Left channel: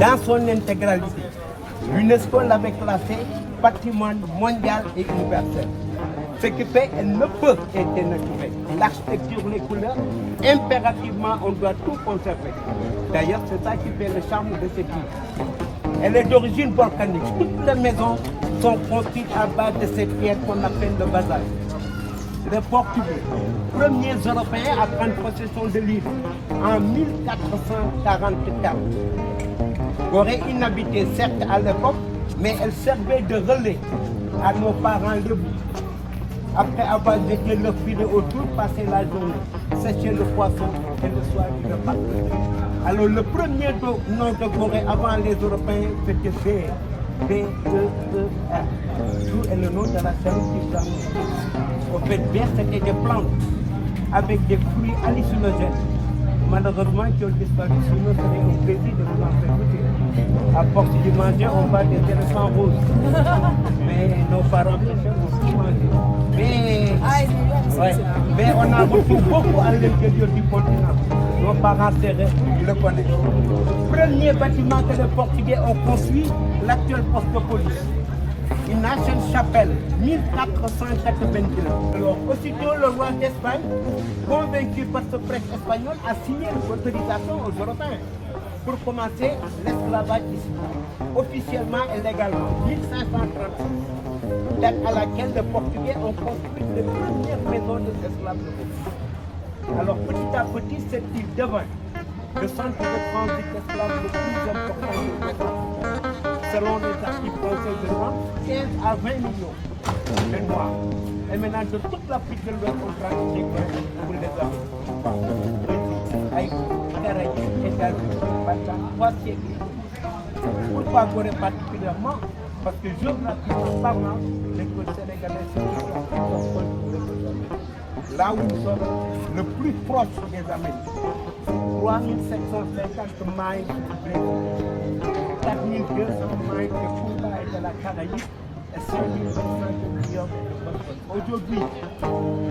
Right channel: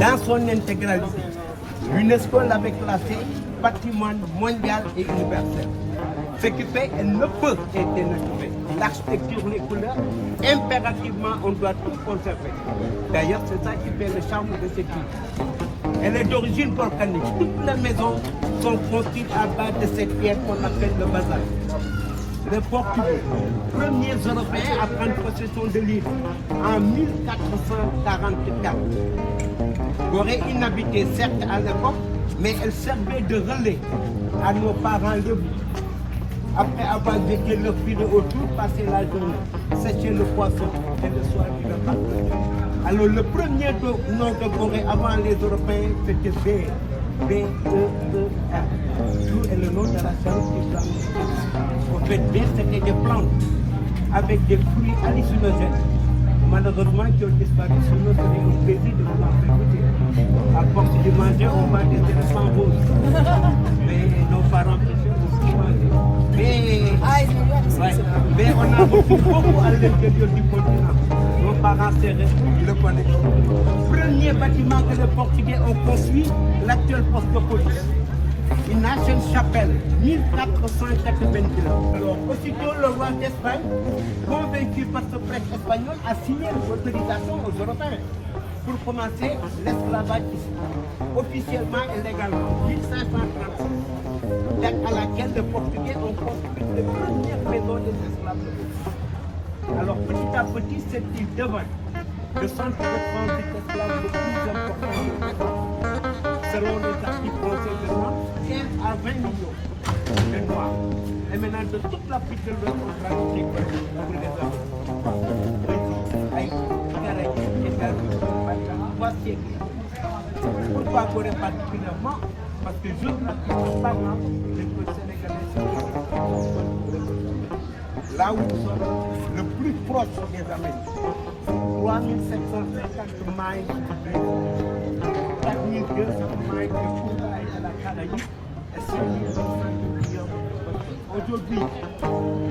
Dans son intégralité, l'UNESCO l'avait classé patrimoine mondial et universel. Ce qui fait qu'elle ne peut être dénaturée. L'architecture, les couleurs, impérativement, on doit tout conserver. D'ailleurs, c'est ça qui fait le charme de cette île. Elle est d'origine volcanique. Toutes les maisons sont construites à base de cette pierre qu'on appelle le basalte. Les Portugais, premiers Européens à prendre possession de l'île en 1444. Aurait inhabité certes à l'époque, mais elle servait de relais à nos parents le après avoir jeté le fruit de autour, passer la journée, sécher le poisson et le soir du repas. Alors le premier nom de Corée avant les Européens, c'était B-E-E-A. Et le nom de la salle qui s'appelait. Au fait, B, c'était des plantes avec des fruits hallucinogènes. Malheureusement, qui ont disparu sur nous, c'est un plaisir de vous en faire goûter. À force de manger, on voit des éléphants roses. Mais nos parents prêchaient aussi manger. Mais on a beaucoup à l'intérieur du continent. Nos parents serraient le connaissent. Premier bâtiment que les Portugais ont construit, l'actuel poste de police. Une ancienne chapelle, 1492. Alors, aussitôt le roi d'Espagne, convaincu par ce prêtre espagnol, a signé l'autorisation aux Européens pour commencer l'esclavage ici, officiellement et légalement, 1536, date à laquelle les Portugais ont construit les premières maisons des esclaves. Alors, petit à petit, cette île devint le centre de transit d'esclaves le plus important du monde, selon les articles du monde. À 20 millions de noirs. Et maintenant, de toute l'Afrique de l'Ouest, on pratique pour les hommes. Pourquoi Corée particulièrement? Parce que géographiquement, les côtes sénégalaises, là où nous sommes le plus proche des Amériques, 3750 miles, 4200 miles de Cuba et de la Caraïbe. Aujourd'hui,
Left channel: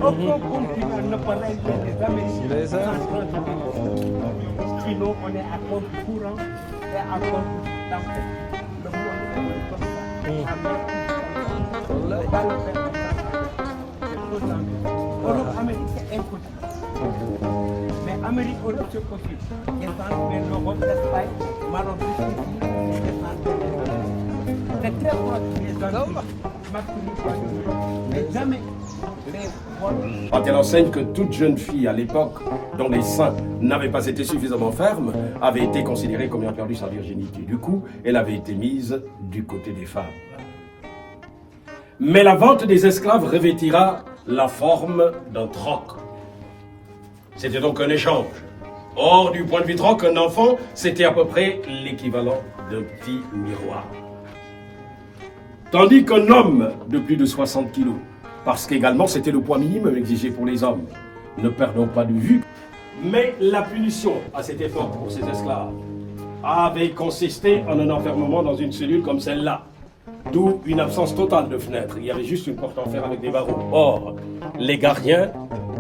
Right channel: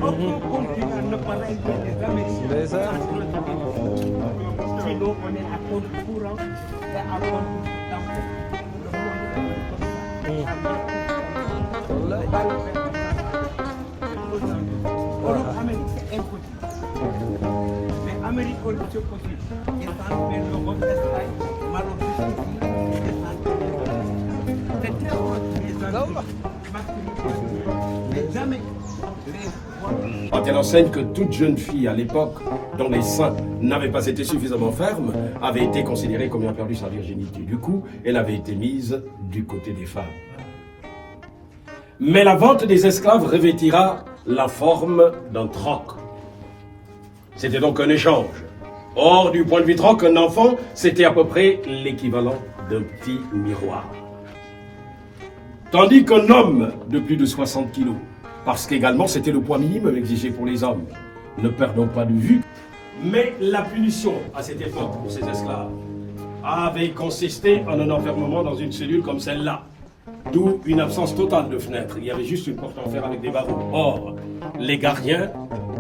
aucun continent ne peut être des Américains. Sinon, on est à mode courant et à mode mais Amérique c'est possible. Et ça fait l'Europe, l'Espagne, Maroc, c'est très bon. Quand elle enseigne que toute jeune fille à l'époque, dont les seins n'avaient pas été suffisamment fermes, avait été considérée comme ayant perdu sa virginité. Du coup, elle avait été mise du côté des femmes. Mais la vente des esclaves revêtira la forme d'un troc. C'était donc un échange. Or, du point de vue troc, un enfant, c'était à peu près l'équivalent d'un petit miroir. Tandis qu'un homme de plus de 60 kilos, parce qu'également c'était le poids minimum exigé pour les hommes, ne perdons pas de vue. Mais la punition à cette époque pour ces esclaves avait consisté en un enfermement dans une cellule comme celle-là, d'où une absence totale de fenêtres. Il y avait juste une porte en fer avec des barreaux. Or, les gardiens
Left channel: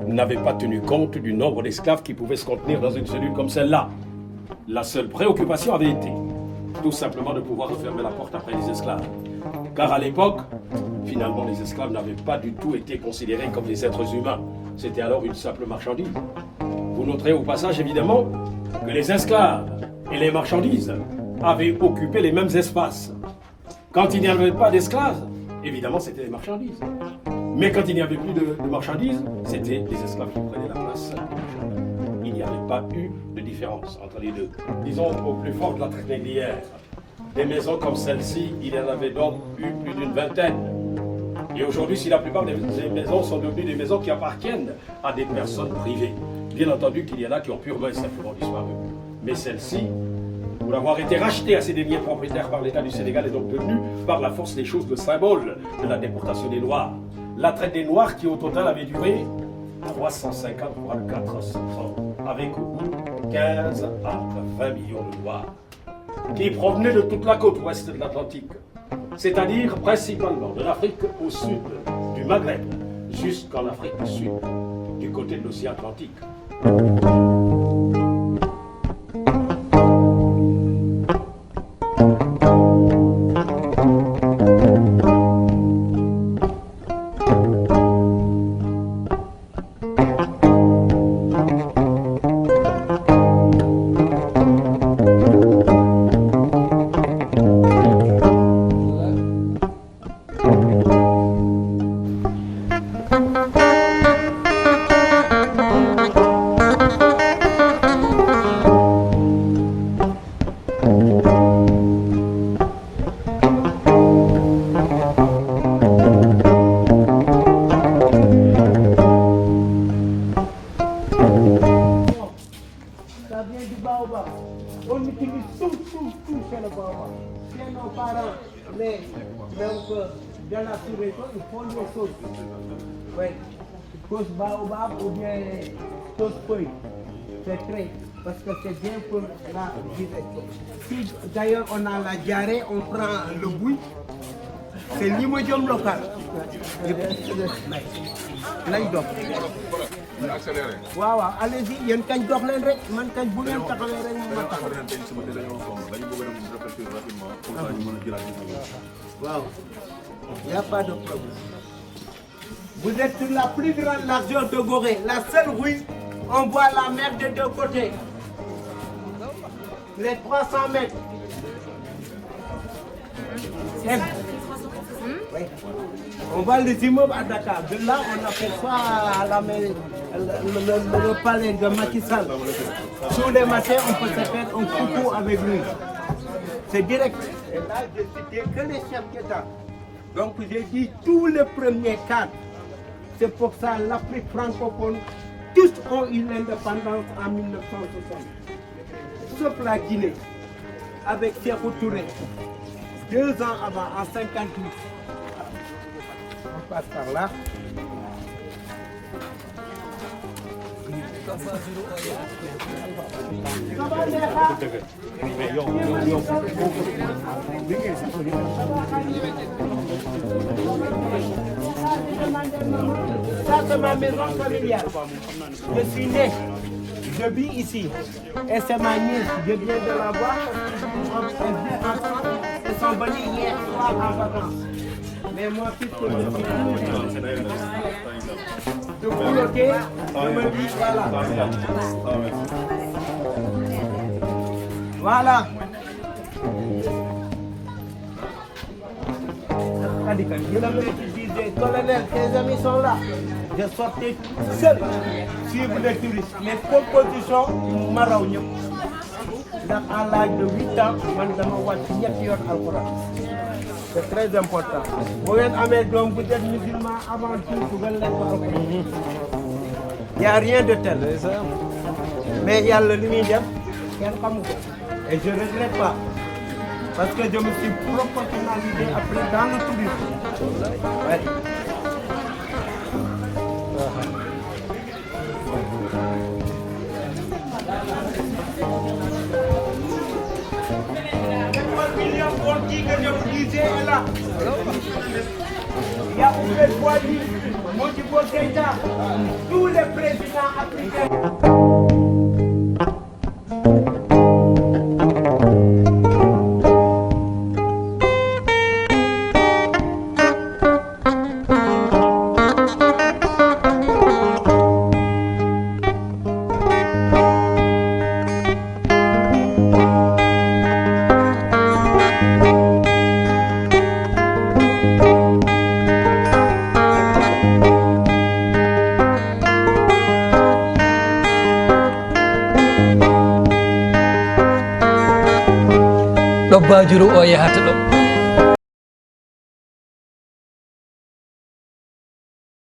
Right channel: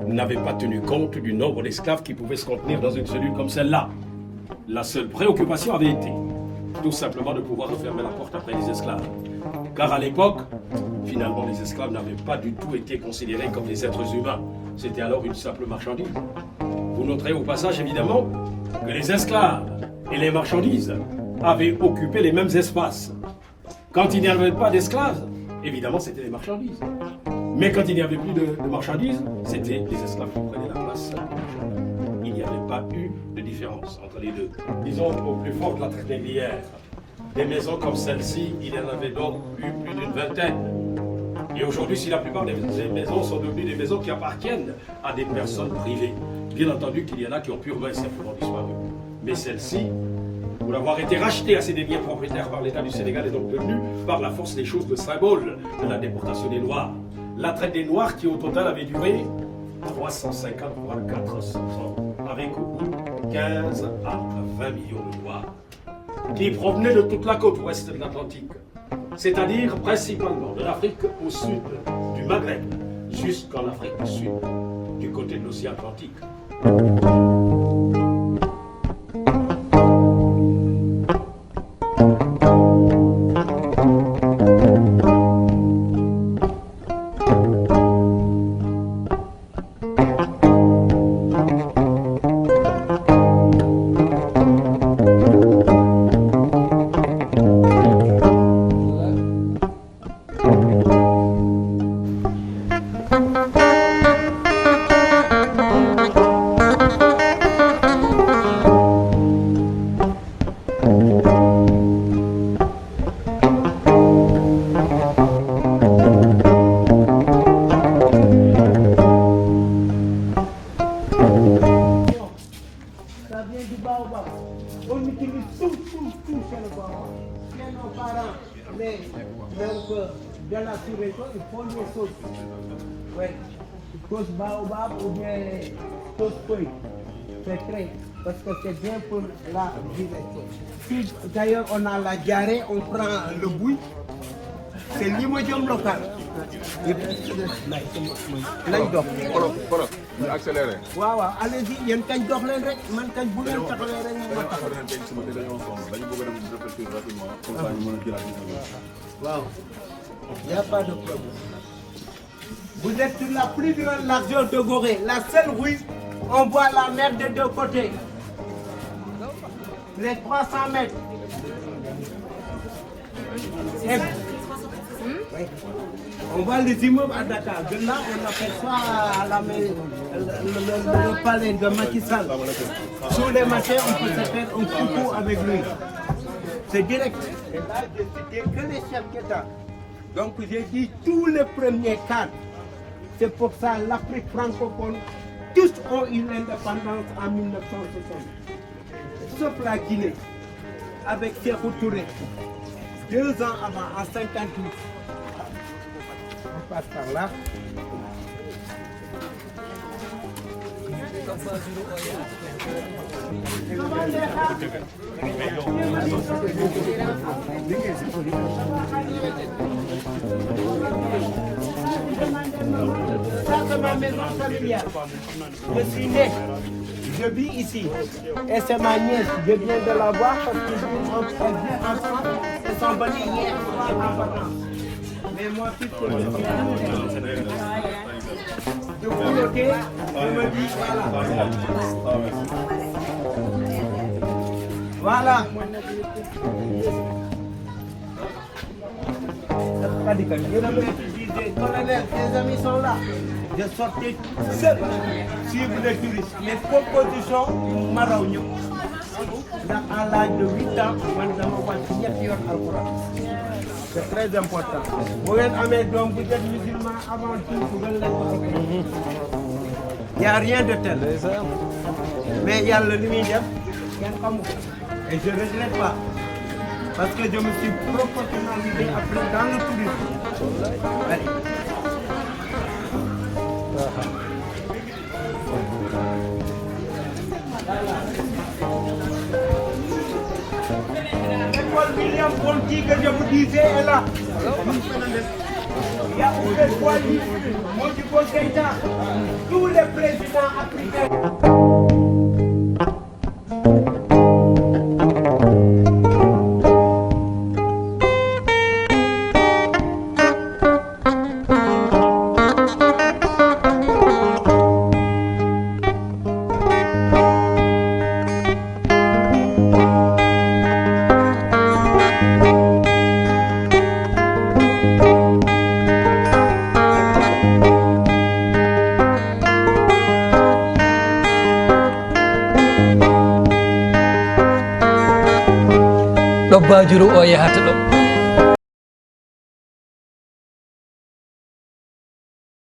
n'avaient pas tenu compte du nombre d'esclaves qui pouvaient se contenir dans une cellule comme celle-là. La seule préoccupation avait été tout simplement de pouvoir refermer la porte après les esclaves. Car à l'époque, finalement, les esclaves n'avaient pas du tout été considérés comme des êtres humains. C'était alors une simple marchandise. Vous noterez au passage, évidemment, que les esclaves et les marchandises avaient occupé les mêmes espaces. Quand il n'y avait pas d'esclaves, évidemment, c'était les marchandises. Mais quand il n'y avait plus de marchandises, c'était les esclaves qui prenaient la place. Il n'y avait pas eu de différence entre les deux. Disons au plus fort de la traite négrière. Des maisons comme celle-ci, il y en avait donc eu plus d'une vingtaine. Et aujourd'hui, si la plupart des maisons sont devenues des maisons qui appartiennent à des personnes privées, bien entendu qu'il y en a qui ont purement et simplement disparu. Mais celle-ci, pour avoir été rachetée à ses derniers propriétaires par l'État du Sénégal, est donc devenue par la force des choses le symbole de la déportation des Noirs. La traite des Noirs qui au total avait duré 350 à 400 ans, avec au bout 15 à 20 millions de Noirs qui provenaient de toute la côte ouest de l'Atlantique. c'est-à-dire principalement de l'Afrique au sud du Maghreb jusqu'en Afrique du Sud, du côté de l'océan Atlantique. Ça vient du baobab. On utilise tout c'est le baobab. C'est nos parents, mais donc dans la sous-région, ils font des sauces. Oui, sauce baobab ou bien sauce feuille. C'est très, parce que c'est bien pour la digestion. Si d'ailleurs on a la diarrhée, on prend le bouille. C'est l'imodium local. Lay dox. waaw waaw allez-y yéen kañ dox leen rek man kañ bu leen taxawee rek ma taxaw. waaw y a pas de problème. Vous êtes sur la plus grande largeur de Gorée, la seule rue on voit la mer des deux côtés. Les 300 mètres. Oui. On voit les immeubles à Dakar. De là, on appelle ça le palais de Macky Sall. Tous les matins, on peut se faire un coucou avec lui. C'est direct. Et là, je citais que les chefs d'État. Donc, j'ai dit tous les premiers cadres. C'est pour ça l'Afrique francophone, tous ont eu l'indépendance en 1960. Sauf la Guinée, avec Sékou Touré. 2 ans avant, en 58. On passe par là. Ça c'est ma maison familiale. Je suis né, je vis ici. Et c'est ma nièce, je viens de la voir. Ils sont venus hier soir en vacances. Mais mon fils est venu. Je vous bloquez, je me dis voilà. Voilà. Les amis sont là. J'ai sorti seul. Suivre les touristes. Mes compositions marron. À l'âge de 8 ans, c'est très important. Vous êtes amédon, vous êtes musulman avant tout, vous êtes il n'y a rien de tel. Mais il y a le limite. Et je ne regrette pas. Parce que je me suis professionnalisé après dans le tourisme. Tous les présidents africains. ɗo bajuru o yahata ɗo